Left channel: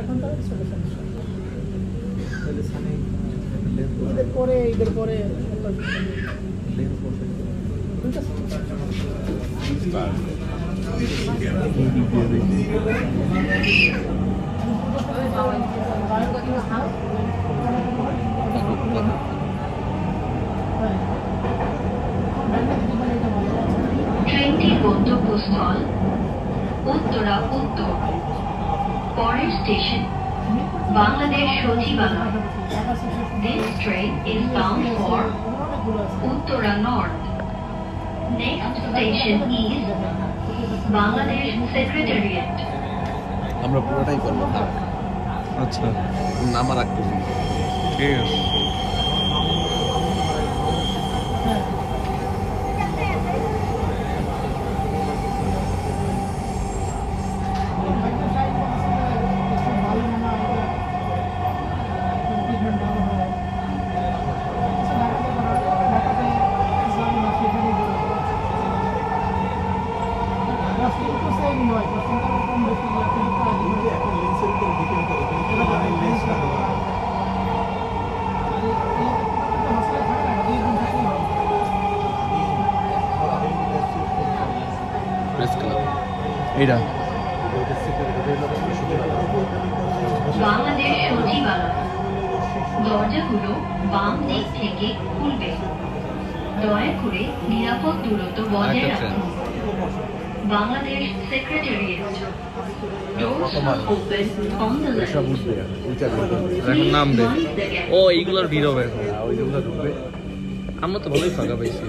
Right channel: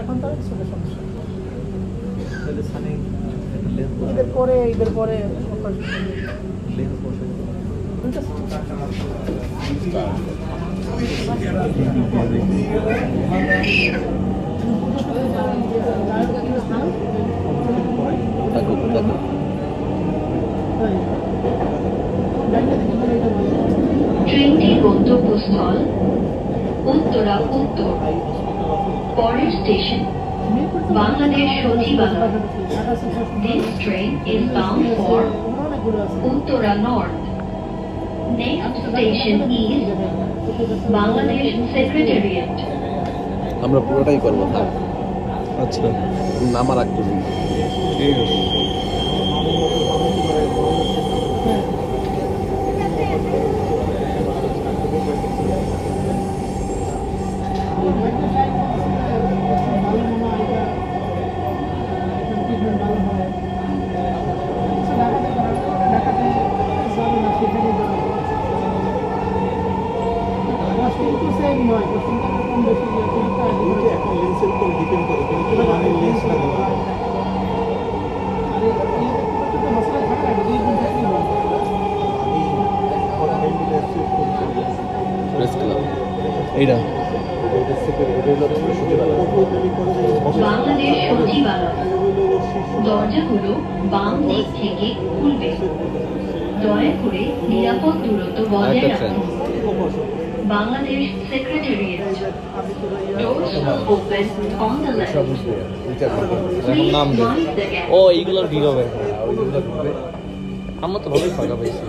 এখন তো ঈদের পরে ট্রেনটির গন্তব্যস্থল উত্তরা উত্তর। পরের স্টেশন বাংলাদেশ সচিবালয়। This train is bound for Uttara North. Next station is Bangladesh Secretariat. আমরা পুরোটাই করবো। আচ্ছা, নামা রাখতে ঠিক আছে। এইটা বাংলাদেশ সচিবালয়। দরজাগুলো বাম দিক থেকে খুলবে। দয়া করে নিরাপদ দূরত্ব বজায় রাখুন। Bangladesh secretariat. Doors will open on the left. এখন নাম দে। ও এইগুলোর ভিড় হবে। আমরা তো ভালোই ফাঁকা পাইছি।